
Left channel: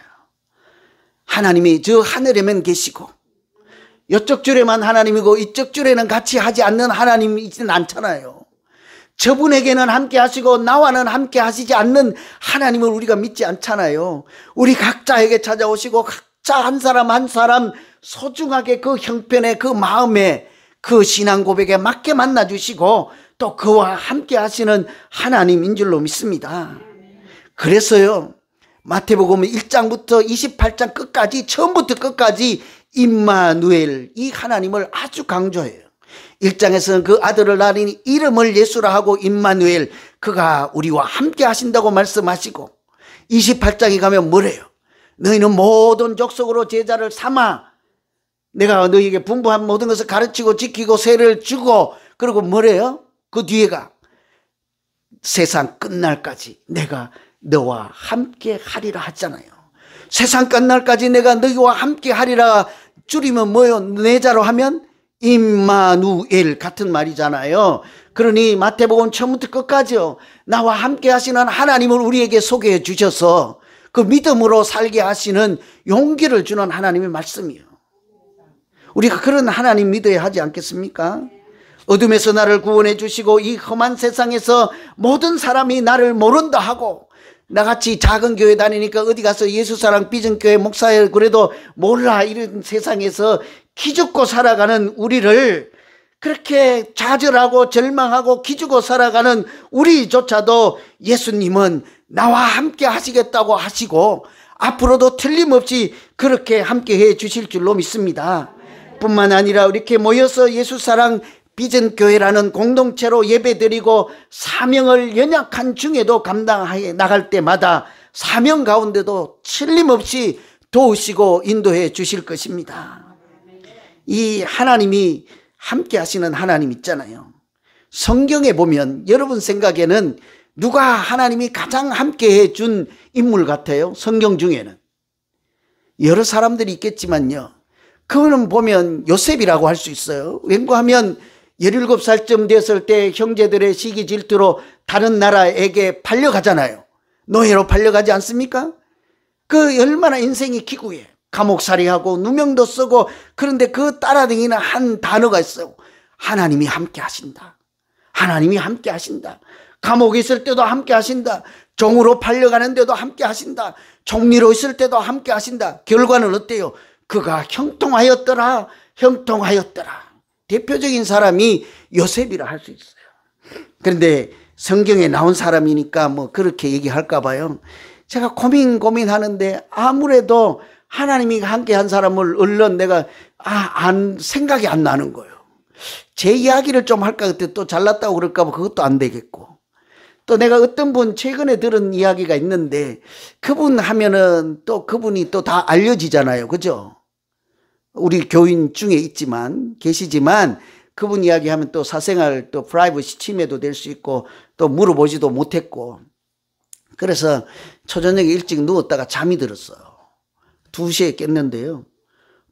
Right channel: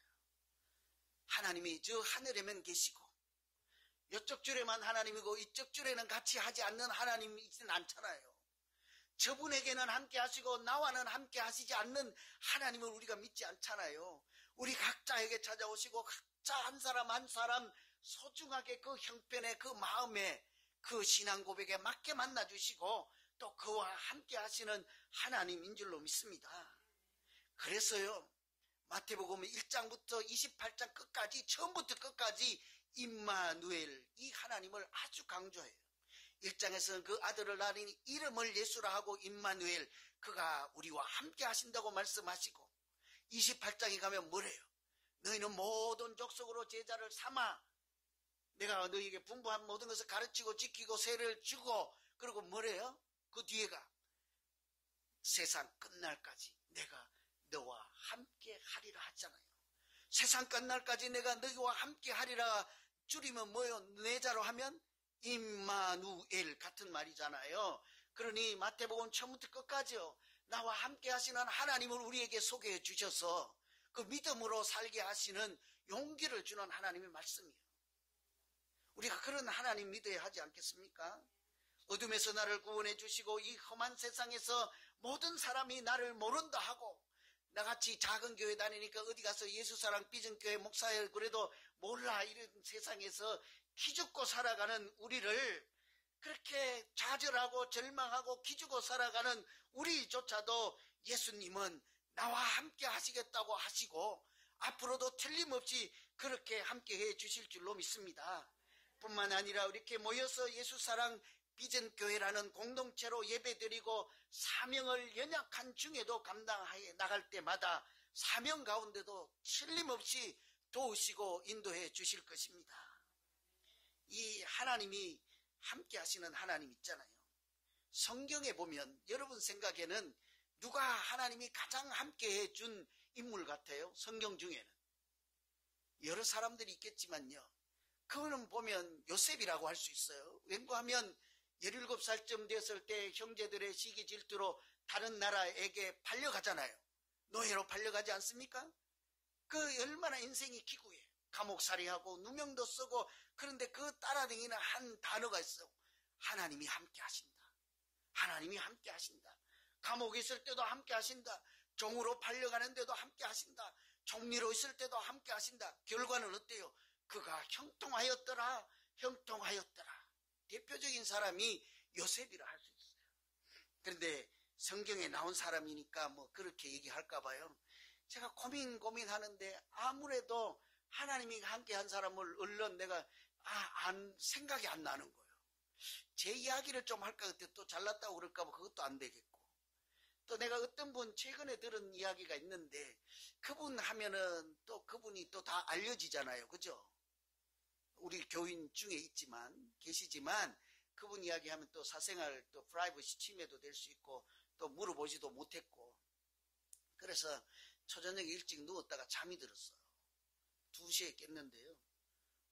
하나님이 저 하늘에만 계시고 이쪽 줄에만 하나님이고 이쪽 줄에는 같이 하지 않는 하나님이지는 않잖아요. 저분에게는 함께 하시고 나와는 함께 하시지 않는 하나님을 우리가 믿지 않잖아요. 우리 각자에게 찾아오시고 각자 한 사람 한 사람 소중하게 그 형편에 그 마음에 그 신앙 고백에 맞게 만나주시고 또 그와 함께 하시는 하나님인 줄로 믿습니다. 그래서요, 마태복음 1장부터 28장 끝까지 처음부터 끝까지 임마누엘, 이 하나님을 아주 강조해요. 1장에서는 그 아들을 낳으니 이름을 예수라 하고 임마누엘, 그가 우리와 함께 하신다고 말씀하시고 28장에 가면 뭐래요? 너희는 모든 족속으로 제자를 삼아 내가 너희에게 분부한 모든 것을 가르치고 지키고 세를 주고, 그리고 뭐래요? 그 뒤에가 세상 끝날까지 내가 너와 함께 하리라 하잖아요. 세상 끝날까지 내가 너희와 함께 하리라 줄이면 뭐예요? 내자로 하면 임마누엘 같은 말이잖아요. 그러니 마태복음 처음부터 끝까지요, 나와 함께 하시는 하나님을 우리에게 소개해 주셔서 그 믿음으로 살게 하시는 용기를 주는 하나님의 말씀이에요. 우리가 그런 하나님 믿어야 하지 않겠습니까? 어둠에서 나를 구원해 주시고 이 험한 세상에서 모든 사람이 나를 모른다 하고, 나같이 작은 교회 다니니까 어디 가서 예수사랑 비전교회 목사예요 그래도 몰라, 이런 세상에서 기죽고 살아가는 우리를, 그렇게 좌절하고 절망하고 기죽고 살아가는 우리조차도 예수님은 나와 함께 하시겠다고 하시고 앞으로도 틀림없이 그렇게 함께해 주실 줄로 믿습니다. 뿐만 아니라 이렇게 모여서 예수사랑 비전교회라는 공동체로 예배드리고 사명을 연약한 중에도 감당해 나갈 때마다 사명 가운데도 틀림없이 도우시고 인도해 주실 것입니다. 이 하나님이 함께 하시는 하나님 있잖아요. 성경에 보면 여러분 생각에는 누가 하나님이 가장 함께해 준 인물 같아요? 성경 중에는 여러 사람들이 있겠지만요, 그거는 보면 요셉이라고 할 수 있어요. 왠고하면 17살쯤 됐을 때 형제들의 시기 질투로 다른 나라에게 팔려가잖아요. 노예로 팔려가지 않습니까? 그 얼마나 인생이 기구해. 감옥살이하고 누명도 쓰고. 그런데 그 따라다니는 한 단어가 있어요. 하나님이 함께 하신다. 하나님이 함께 하신다. 감옥에 있을 때도 함께 하신다. 종으로 팔려가는데도 함께 하신다. 종리로 있을 때도 함께 하신다. 결과는 어때요? 그가 형통하였더라. 형통하였더라. 대표적인 사람이 요셉이라 할 수 있어요. 그런데 성경에 나온 사람이니까 뭐 그렇게 얘기할까 봐요. 제가 고민하는데 아무래도 하나님이 함께 한 사람을 얼른 내가 생각이 안 나는 거예요. 제 이야기를 좀 할까 그때 또 잘났다고 그럴까 봐 그것도 안 되겠고, 또 내가 어떤 분 최근에 들은 이야기가 있는데 그분 하면은 또 그분이 또 다 알려지잖아요. 그죠? 우리 교인 중에 계시지만 그분 이야기하면 또 사생활 또 프라이버시 침해도 될 수 있고 또 물어보지도 못했고, 그래서 초저녁에 일찍 누웠다가 잠이 들었어요. 2시에 깼는데요,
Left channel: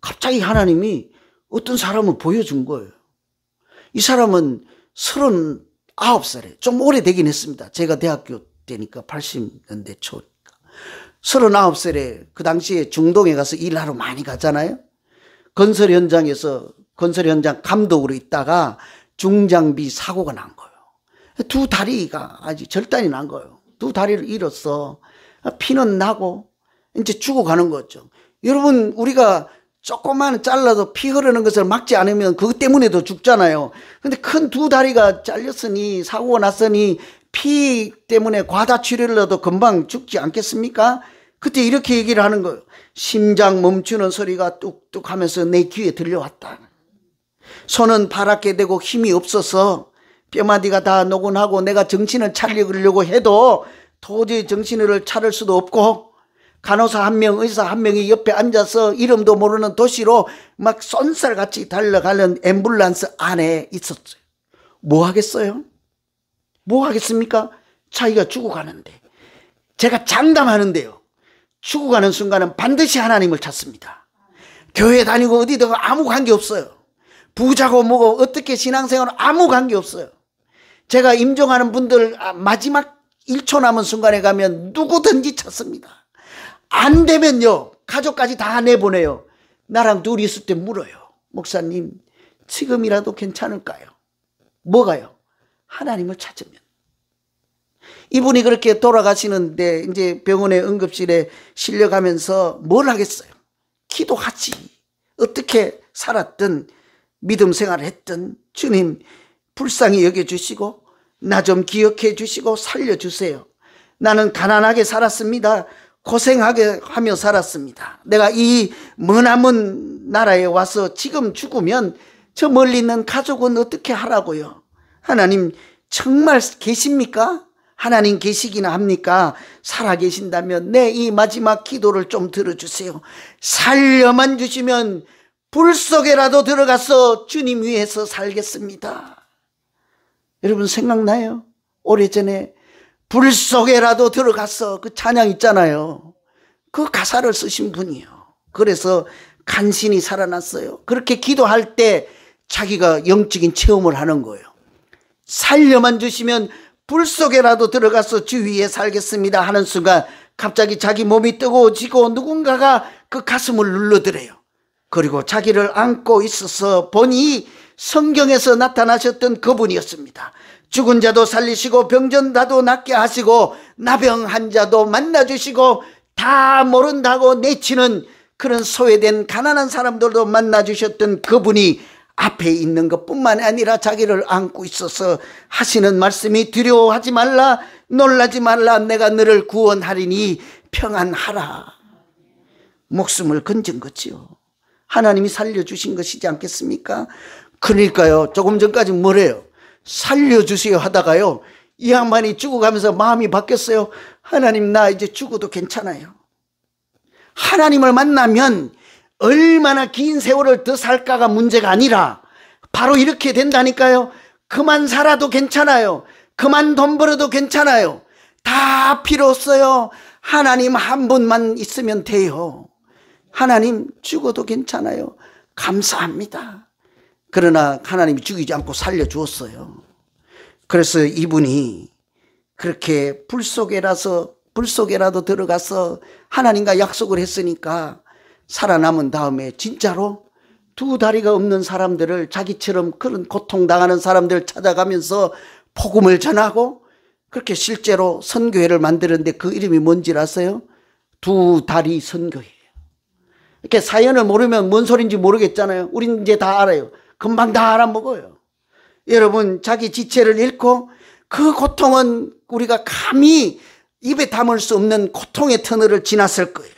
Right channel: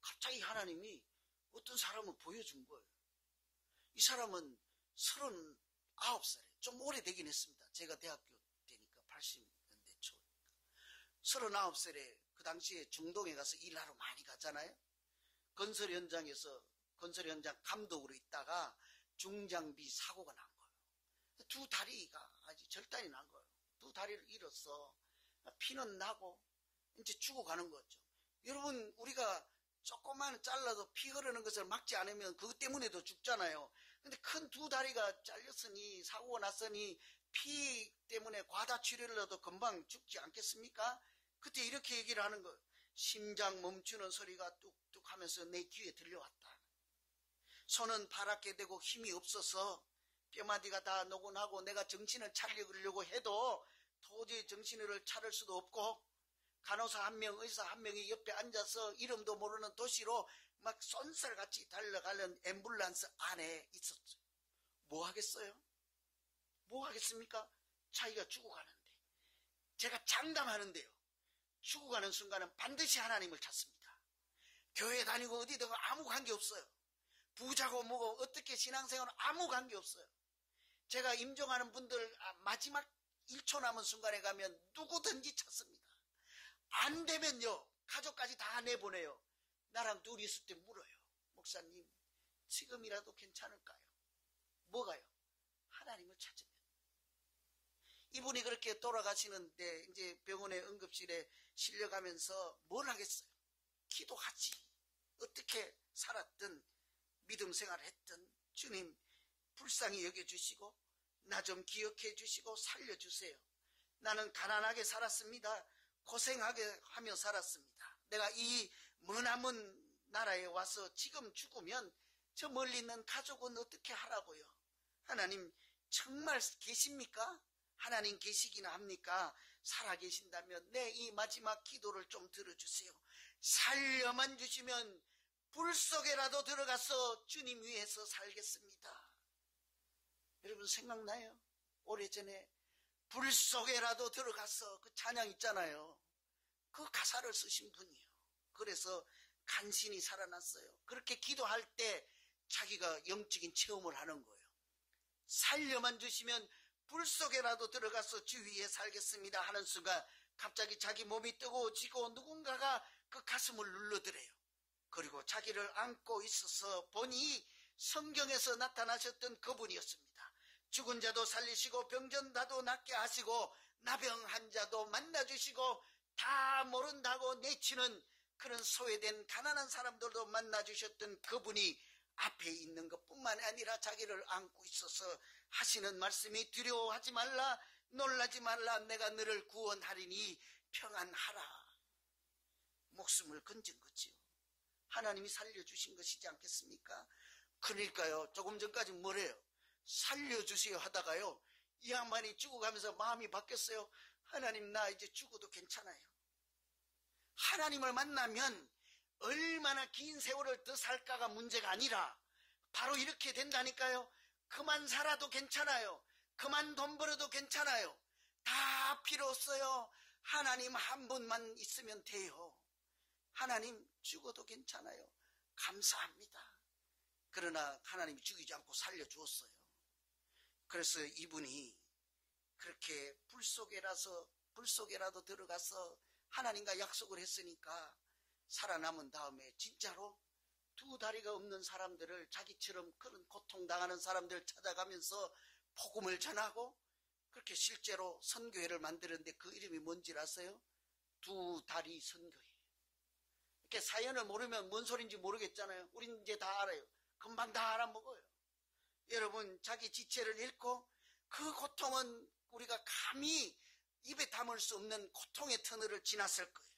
갑자기 하나님이 어떤 사람을 보여준 거예요. 이 사람은 39살에 좀 오래되긴 했습니다. 제가 대학교 때니까 80년대 초니까 39살에 그 당시에 중동에 가서 일하러 많이 갔잖아요. 건설 현장 감독으로 있다가 중장비 사고가 난 거예요. 두 다리가 아주 절단이 난 거예요. 두 다리를 잃어서 피는 나고 이제 죽어가는 거죠. 여러분, 우리가 조금만 잘라도 피 흐르는 것을 막지 않으면 그것 때문에도 죽잖아요. 근데 큰 두 다리가 잘렸으니, 사고가 났으니 피 때문에 과다 치료를 해도 금방 죽지 않겠습니까? 그때 이렇게 얘기를 하는 거예요. 심장 멈추는 소리가 뚝뚝 하면서 내 귀에 들려왔다. 손은 파랗게 되고 힘이 없어서 뼈마디가 다 노곤하고 내가 정신을 차리려고 해도 도저히 정신을 차릴 수도 없고, 간호사 한 명, 의사 한 명이 옆에 앉아서 이름도 모르는 도시로 막 쏜살같이 달려가는 앰뷸런스 안에 있었어요. 뭐 하겠어요? 뭐 하겠습니까? 자기가 죽어가는데. 제가 장담하는데요, 죽어가는 순간은 반드시 하나님을 찾습니다. 교회 다니고 어디든 아무 관계 없어요. 부자고 뭐고 어떻게 신앙생활은 아무 관계 없어요. 제가 임종하는 분들 마지막 1초 남은 순간에 가면 누구든지 찾습니다. 안 되면요, 가족까지 다 내보내요. 나랑 둘이 있을 때 물어요. 목사님, 지금이라도 괜찮을까요? 뭐가요? 하나님을 찾으면. 이분이 그렇게 돌아가시는데 이제 병원의 응급실에 실려가면서 뭘 하겠어요? 기도하지. 어떻게 살았든 믿음 생활을 했든 주님 불쌍히 여겨주시고 나 좀 기억해 주시고 살려주세요. 나는 가난하게 살았습니다. 고생하게 하며 살았습니다. 내가 이 머나먼 나라에 와서 지금 죽으면 저 멀리 있는 가족은 어떻게 하라고요? 하나님 정말 계십니까? 하나님 계시기나 합니까? 살아 계신다면 내 이 마지막 기도를 좀 들어주세요. 살려만 주시면 불 속에라도 들어가서 주님 위해서 살겠습니다. 여러분 생각나요? 오래전에 불 속에라도 들어가서 그 찬양 있잖아요. 그 가사를 쓰신 분이에요. 그래서 간신히 살아났어요. 그렇게 기도할 때 자기가 영적인 체험을 하는 거예요. 살려만 주시면 불 속에라도 들어가서 주 위에 살겠습니다 하는 순간 갑자기 자기 몸이 뜨거워지고 누군가가 그 가슴을 눌러드려요. 그리고 자기를 안고 있어서 보니 성경에서 나타나셨던 그분이었습니다. 죽은 자도 살리시고 병든 자도 낫게 하시고 나병한 자도 만나주시고 다 모른다고 내치는 그런 소외된 가난한 사람들도 만나주셨던 그분이 앞에 있는 것뿐만 아니라 자기를 안고 있어서 하시는 말씀이 두려워하지 말라, 놀라지 말라, 내가 너를 구원하리니 평안하라. 목숨을 건진 거지요. 하나님이 살려주신 것이지 않겠습니까? 그러니까요, 조금 전까지 뭐래요? 살려주세요 하다가요, 이 양반이 죽어가면서 마음이 바뀌었어요. 하나님, 나 이제 죽어도 괜찮아요. 하나님을 만나면 얼마나 긴 세월을 더 살까가 문제가 아니라 바로 이렇게 된다니까요. 그만 살아도 괜찮아요. 그만 돈 벌어도 괜찮아요. 다 필요 없어요. 하나님 한 분만 있으면 돼요. 하나님, 죽어도 괜찮아요. 감사합니다. 그러나 하나님이 죽이지 않고 살려주었어요. 그래서 이분이 그렇게 불 속에라도 들어가서 하나님과 약속을 했으니까 살아남은 다음에 진짜로 두 다리가 없는 사람들을, 자기처럼 그런 고통당하는 사람들을 찾아가면서 복음을 전하고, 그렇게 실제로 선교회를 만드는데 그 이름이 뭔지 아세요? 두 다리 선교회예요. 이렇게 사연을 모르면 뭔 소린지 모르겠잖아요. 우린 이제 다 알아요. 금방 다 알아먹어요. 여러분, 자기 지체를 잃고 그 고통은 우리가 감히 입에 담을 수 없는 고통의 터널을 지났을 거예요.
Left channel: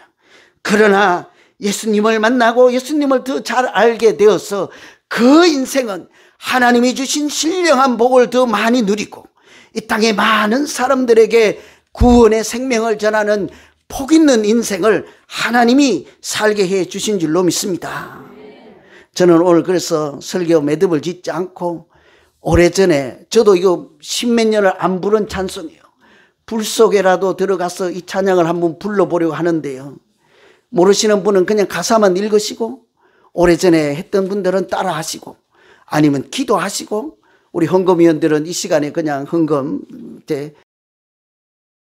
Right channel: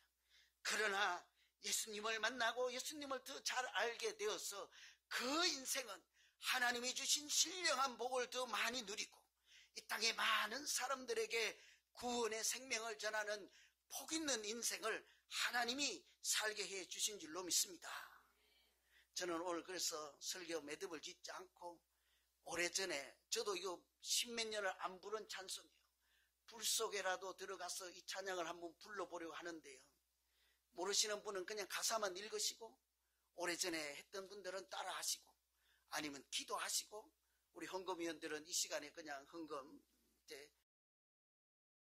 그러나 예수님을 만나고 예수님을 더 잘 알게 되어서 그 인생은 하나님이 주신 신령한 복을 더 많이 누리고 이 땅의 많은 사람들에게 구원의 생명을 전하는 복 있는 인생을 하나님이 살게 해 주신 줄로 믿습니다. 저는 오늘 그래서 설교 매듭을 짓지 않고, 오래전에 저도 이거 십몇 년을 안 부른 찬송이에요. 불 속에라도 들어가서 이 찬양을 한번 불러보려고 하는데요, 모르시는 분은 그냥 가사만 읽으시고, 오래전에 했던 분들은 따라 하시고, 아니면 기도하시고, 우리 헌금위원들은 이 시간에 그냥 헌금